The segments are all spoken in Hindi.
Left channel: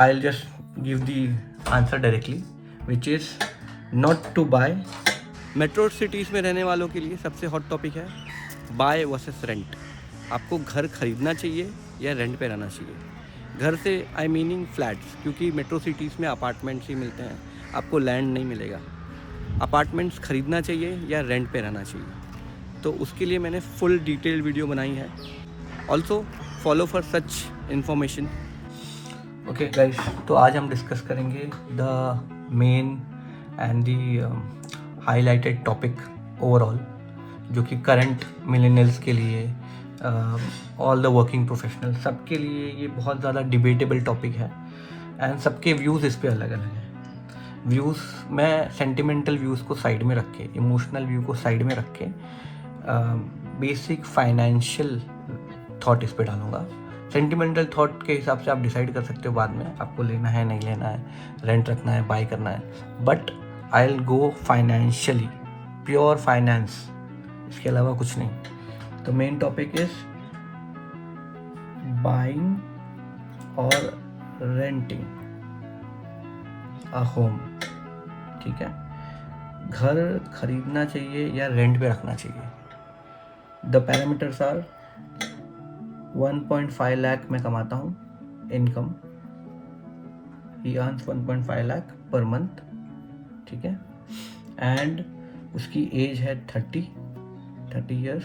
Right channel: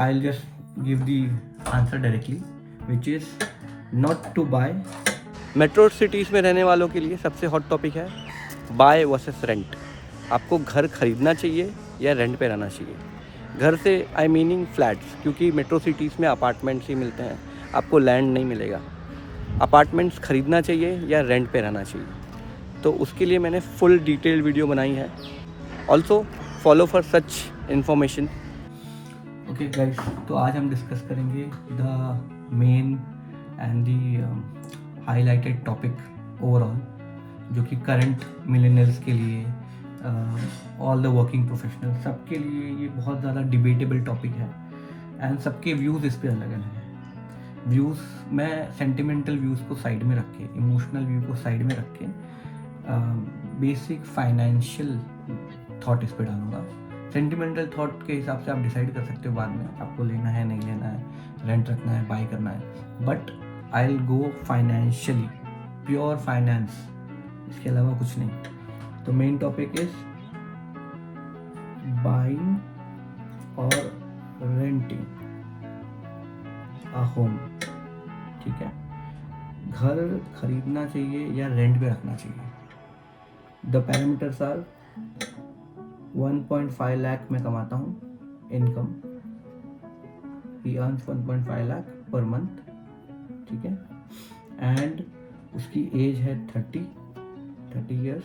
I'll just give the answer directly, which is not to buy. Metro cities में रहने वालों के लिए सबसे हॉट टॉपिक है बाय वर्सेस रेंट। आपको घर खरीदना चाहिए या रेंट पे रहना चाहिए। घर से आई मीनिंग फ्लैट्स, क्योंकि मेट्रो सिटीज़ में अपार्टमेंट्स ही मिलते हैं, आपको लैंड नहीं मिलेगा। अपार्टमेंट्स खरीदना चाहिए या रेंट पे रहना चाहिए, तो उसके लिए मैंने फुल डिटेल वीडियो बनाई है। Also follow for such information. Okay guys, तो आज हम डिस्कस करेंगे the main and the highlighted topic overall, जो कि करंट मिलेनियल्स के लिए, ऑल द वर्किंग प्रोफेशनल, सबके लिए ये बहुत ज़्यादा डिबेटेबल टॉपिक है एंड सबके व्यूज़ इस पे अलग अलग हैं। व्यूज़, मैं सेंटिमेंटल व्यूज़ को साइड में रख के, इमोशनल व्यू को साइड में रख के बेसिक फाइनेंशियल थॉट इस पे डालूंगा। सेंटिमेंटल थॉट के हिसाब से आप डिसाइड कर सकते हो बाद में आपको लेना है, नहीं लेना है, रेंट रखना है, बाय करना है, but I will go financially, pure finance, इसके अलावा कुछ नहीं। तो मेन टॉपिक इज बाइंग और रेंटिंग अ होम। ठीक है, घर खरीदना चाहिए या रेंट पे रखना चाहिए। द पैरामीटर्स आर 1.5 लाख मैं कमाता हूँ इनकम, ही अर्न्स 1.5 लाख पर मंथ। ठीक है, एंड उसकी एज है 30 years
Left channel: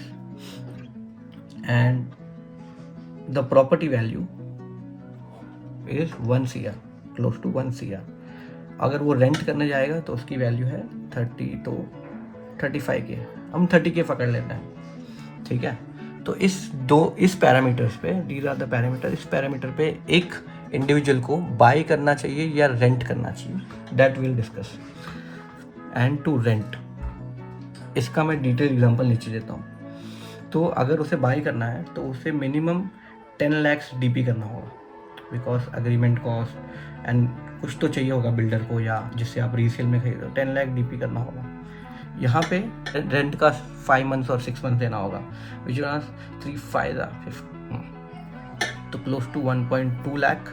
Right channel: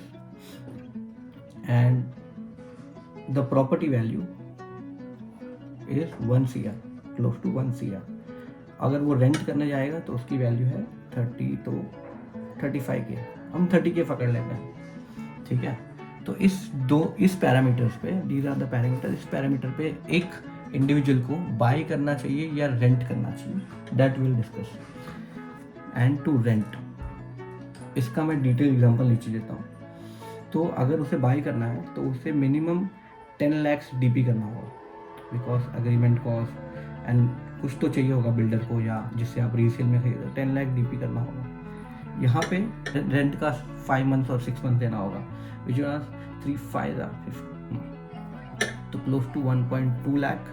and the property value is 1 CR, close to 1 CR। अगर वो रेंट करने जाएगा तो उसकी वैल्यू है 30 तो 35K, हम 30K पकड़ लेते हैं। ठीक है, तो इस पैरामीटर्स पे, दीज आर द पैरामीटर, इस पैरामीटर पे एक इंडिविजुअल को बाय करना चाहिए या रेंट करना चाहिए, that will discuss. And to rent, इसका मैं डिटेल एग्जांपल नीचे देता हूँ। तो अगर उसे बाय करना है तो उसे मिनिमम 10 लाख DP करना होगा, बिकॉज अग्रीमेंट कॉस्ट एंड कुछ तो चाहिए होगा बिल्डर को, या जिससे आप रीसेल में खरीदो, 10 लाख DP करना होगा। यहाँ पे रेंट का 5 मंथ्स और 6 मंथ देना होगा, which was 3, 5 lakh, तो close to 1.2 lakh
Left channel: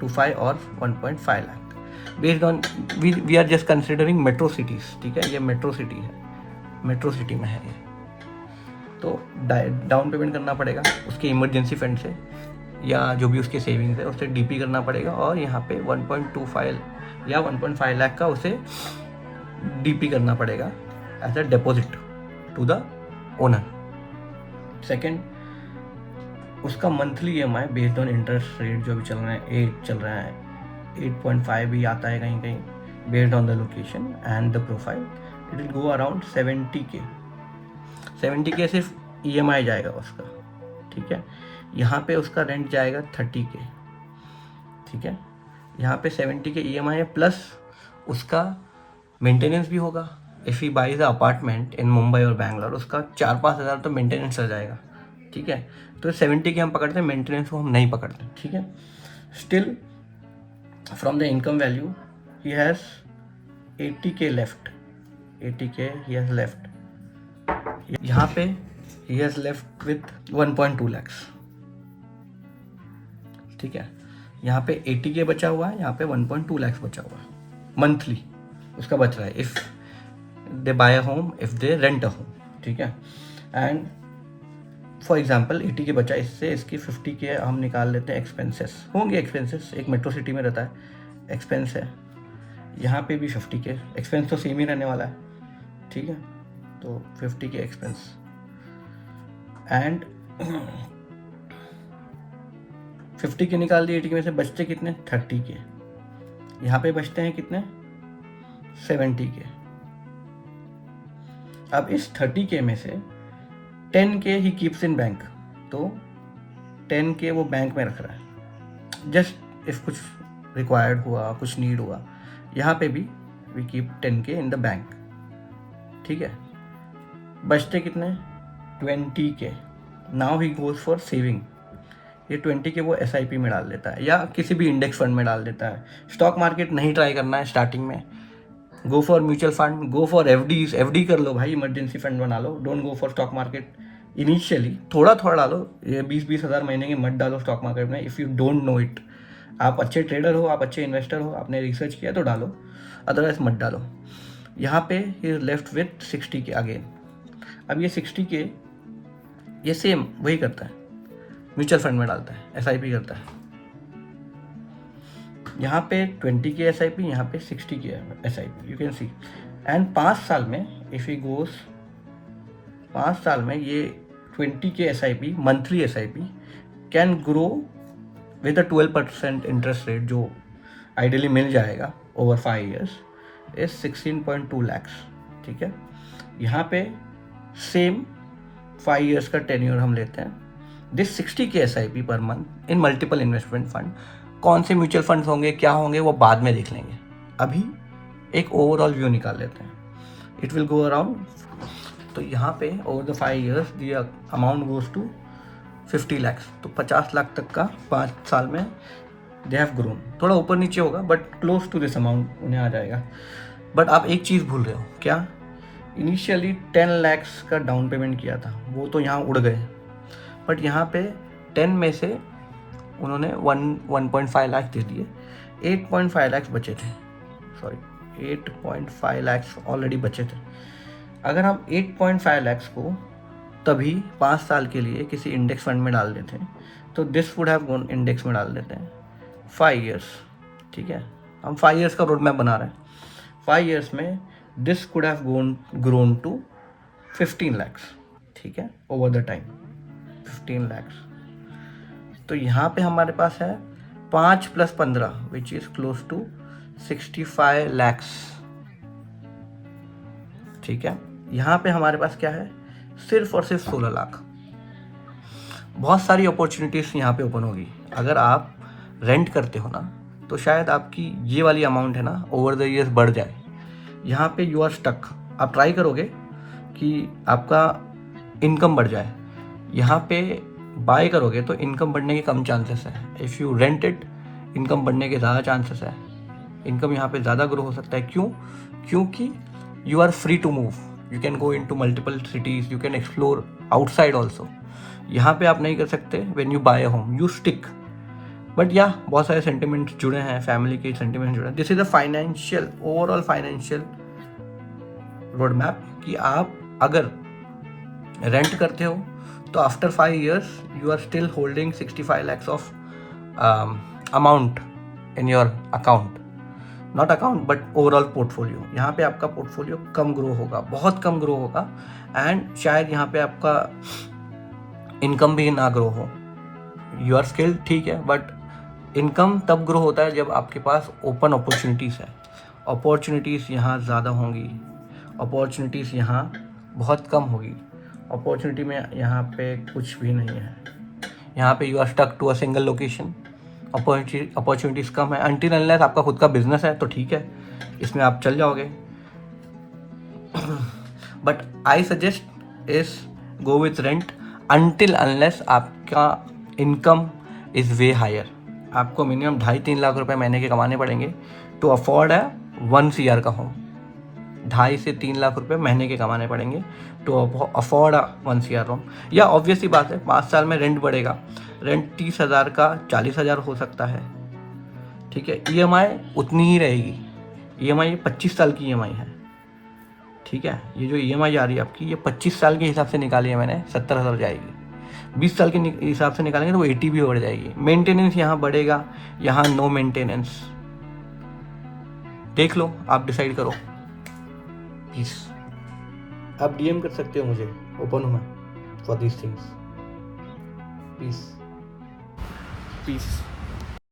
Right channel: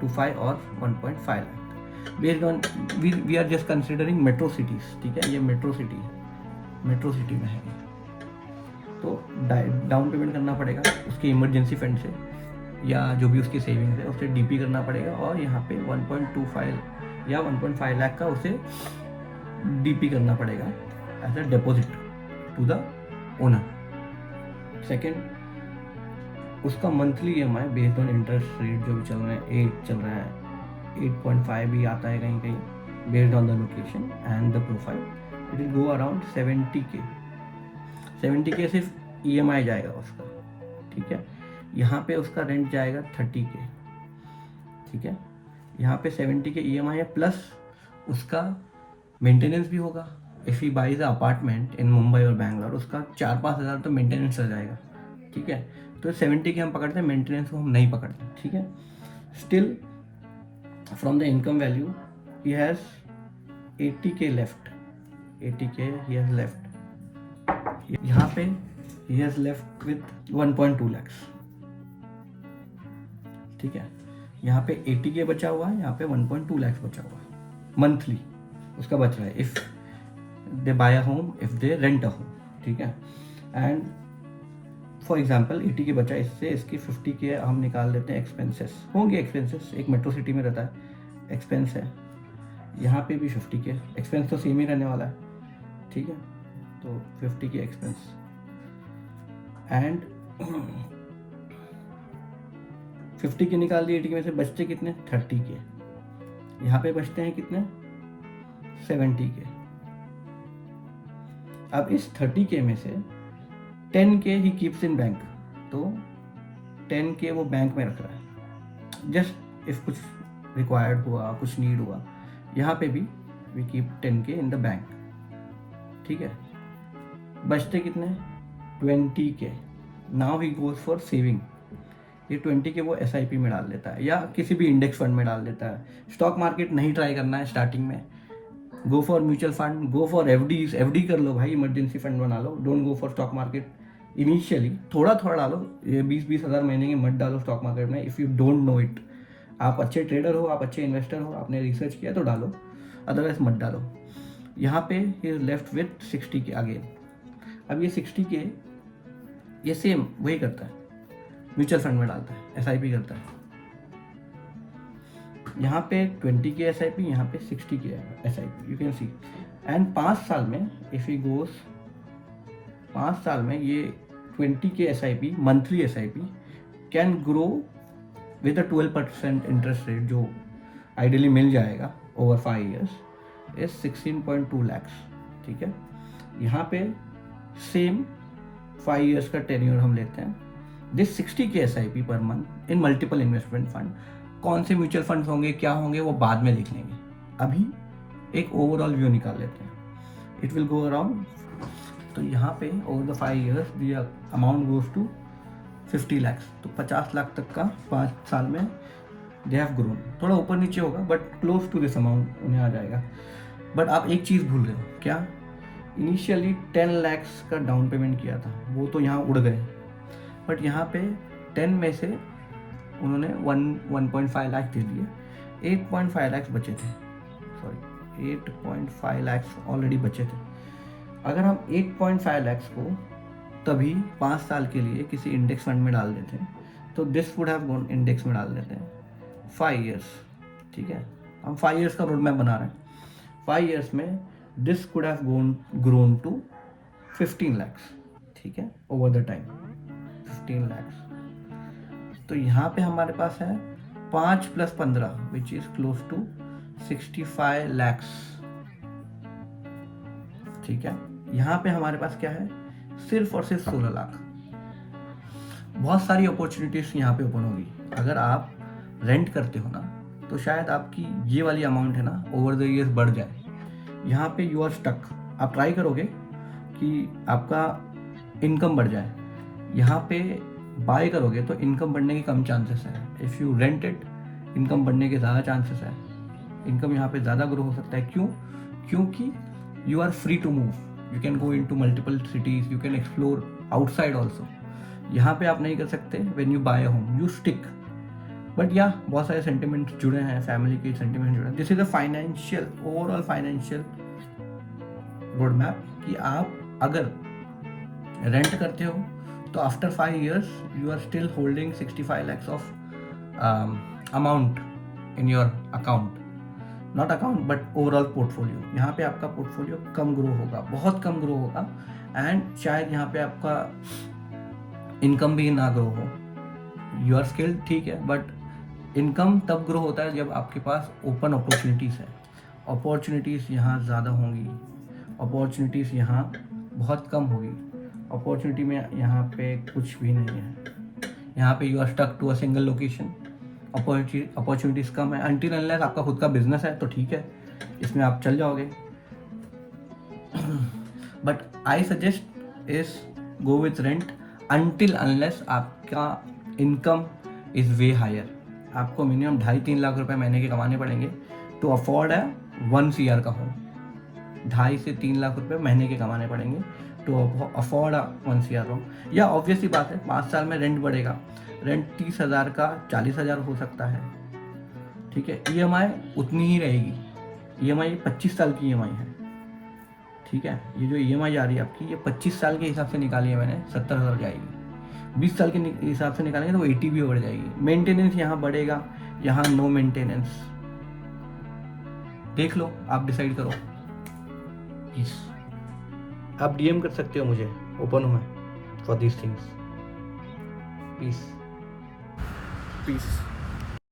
to 5 और 1.5 lakh based on we are just considering metro cities। ठीक है, ये मेट्रो सिटी है, मेट्रो सिटी में है ये। तो डाउन पेमेंट करना पड़ेगा उसके इमरजेंसी फंड से, या जो भी उसके सेविंग्स है उससे DP करना पड़ेगा, और यहाँ पे 1.25 या 1.5 लाख का उसे DP करना पड़ेगा as a deposit to the owner. Second, उसका monthly EMI based on interest rate जो भी चल रहा है, 8 चल रहा है, 8.5 भी आता है कहीं कहीं, based on the location and the profile, it will go around 70K। 70K सिर्फ EMI जाएगा उसका। ठीक है, यहाँ पे उसका रेंट जाएगा 30K। ठीक है, यहाँ पे 70K EMI है, प्लस उसका मेंटेनेंस भी होगा। If he buys a apartment in Mumbai और बैंगलोर, उसका 4-5 हज़ार तो मेंटेनेंस आ जाएगा। ठीक है, तो 70K हम पकड़ते हैं, मेंटेनेंस को हम नहीं पकड़ते। ठीक है, still from the income value he has 80K left, 80K he has left. यहाँ पे he has left with 1.2 lakhs। ठीक है, यहाँ पे 80K बचा हुआ है, यहाँ पे 1.2 lakhs बचा हुआ है मंथली उसका बच रहा है, if they buy a home, if they rent a home. ठीक है, एंड फॉर एग्जांपल 80K बचा, इससे इसकी 50K हम निकाल लेते हैं। एक्सपेंसेस होंगे, एक्सपेंसेस एक मेट्रो सिटी में रहता है, एक्सपेंस है। यहाँ पे भी 50K, एक्सपेंस तो सेम ही रहने वाला है। ठीक है, तो 50K एक्सपेंस एंड 50K निकाल दिए 80K में से, बचते कितने? 30K। यहाँ पे बचते हैं कितने? 70K। अब इस 30K में से 10K he keeps in bank, तो 10K वो बैंक में रख रहा है, जस्ट इफ कुछ रिक्वायर्ड हुआ, कुछ नीड हुआ। यहाँ पे भी we keep 10K in the bank. ठीक है, बचते कितने? 20K। Now he goes for saving. ये 20K वो SIP में डाल देता है, या किसी भी इंडेक्स फंड में डाल देता है। स्टॉक मार्केट नहीं ट्राई करना है स्टार्टिंग में, go for mutual fund, go for FD कर लो भाई, इमरजेंसी फंड बना लो। Don't go for stock market initially, थोड़ा थोड़ा डालो, ये 20-20 हज़ार महीने के मत डालो स्टॉक मार्केट में, if you don't know it. आप अच्छे ट्रेडर हो, आप अच्छे इन्वेस्टर हो, आपने रिसर्च किया तो डालो, अदरवाइज मत डालो। यहाँ पे ही लेफ्ट विथ 60 के अगेन। अब ये 60 के ये सेम वही करता है, म्यूचुअल फंड में डालता है, SIP करता है। यहाँ पे 20 के SIP, यहाँ पे 60 के SIP, you can see. And 5 साल में इफ ही गोस, 5 साल में ये 20 के SIP monthly SIP can grow with a 12% interest rate जो आइडियली मिल जाएगा ओवर 5 years इज 16.2 lakhs। ठीक है, यहाँ पे सेम 5 years का टेन्योर हम लेते हैं। दिस 60 के SIP per month in multiple investment fund. कौन से म्यूचुअल फंड्स होंगे, क्या होंगे, वो बाद में देख लेंगे, अभी एक ओवरऑल व्यू निकाल लेते हैं। इट विल गो अराउंड, तो यहाँ पे over the 5 years the amount goes to 50 lakhs, तो 50 लाख तक का 5 साल में दे हैव ग्रोन। थोड़ा ऊपर नीचे होगा but close to this amount उन्हें आ जाएगा। बट आप एक चीज़ भूल रहे हो, क्या? इनिशियली 10 lakhs का डाउन पेमेंट किया था, वो तो यहाँ उड़ गए, बट यहाँ पे 10 में से उन्होंने 1.5 लाख दे दिए, 8.5 lakhs बचे थे, सॉरी 8.5 lakhs ऑलरेडी बचे थे। अगर हम 8.5 lakhs को तभी 5 साल के लिए किसी इंडेक्स फंड में डाल देते हैं तो this would have gone, index में डाल देते हैं 5 years। ठीक है, हम 5 years का रोड मैप बना रहे हैं। 5 years में this could have grown to 15 lakhs। ठीक है, ओवर द टाइम 15 lakhs। तो यहाँ पे हमारे पास है 5 + 15 which is close to 65 lakhs। ठीक है, यहाँ पे हमारे पास क्या है, सिर्फ और सिर्फ 16 लाख। बहुत सारी अपॉर्चुनिटीज यहाँ पे ओपन होगी। अगर आप रेंट करते हो ना तो शायद आपकी ये वाली अमाउंट है ना ओवर द ईयर्स बढ़ जाए। यहाँ पे यू आर स्टक। आप ट्राई करोगे कि आपका इनकम बढ़ जाए, यहाँ पे बाय करोगे तो इनकम बढ़ने के कम चांसेस है। If you rent it, income बढ़ने के ज़्यादा चांसेस है। इनकम यहाँ पे ज़्यादा ग्रो हो सकता है। क्यों? क्योंकि you are free to move, you can go in to multiple cities, you can explore outside also. यहाँ पे आप नहीं कर सकते। When you buy a home you stick. But या बहुत सारे सेंटिमेंट्स जुड़े हैं, फैमिली के सेंटिमेंट जुड़े हैं। This is a financial, overall financial road map कि आप अगर रेंट करते हो तो after 5 years you are still holding 65 lakhs of amount in your account, not account but overall portfolio. यहाँ पे आपका पोर्टफोलियो कम ग्रो होगा, बहुत कम ग्रो होगा, एंड शायद यहाँ पे आपका इनकम भी ना ग्रो हो। यू आर स्किल्ड, ठीक है, बट इनकम तब ग्रो होता है जब आपके पास ओपन अपॉर्चुनिटीज़ है। अपॉर्चुनिटीज़ यहाँ ज़्यादा होंगी, अपॉर्चुनिटीज़ यहाँ बहुत कम होगी। अपॉर्चुनिटी में यहाँ पे कुछ भी नहीं है। यहाँ पे you are stuck to a single location. Opportunities कम है। अनटिल अनलेस आपका खुद का बिजनेस है तो ठीक है, इसमें आप चल जाओगे। But I suggest is go with rent until unless आपका इनकम इज़ वे हायर। आपको मिनिमम 2.5-3 लाख रुपए महीने के कमाने पड़ेंगे टू अफोर्ड है 1 CR का होम। 2.5 से 3 लाख रुपए महीने के कमाने पड़ेंगे टू अफोर्ड 1 CR होम। या ऑब्वियस ही बात है, 5 साल में रेंट बढ़ेगा। रेंट 30,000 का 40,000 हो सकता है। ठीक है, EMI उतनी ही रहेगी। EMI 25 साल की EMI है। ठीक है, ये जो EMI आ रही है आपकी, ये 25 साल के हिसाब से निकाली है मैंने, 70,000 जाएगी। 20 साल के हिसाब से निकालेंगे तो वो 80 भी बढ़ जाएगी। मेंटेनेंस यहाँ बढ़ेगा, यहाँ नो मेंटेनेंस। देख लो, आप डिसाइड करो। प्लीज आप DM कर सकते हो मुझे, ओपन हूँ मैं फॉर दीज थिंग्स। प्लीज।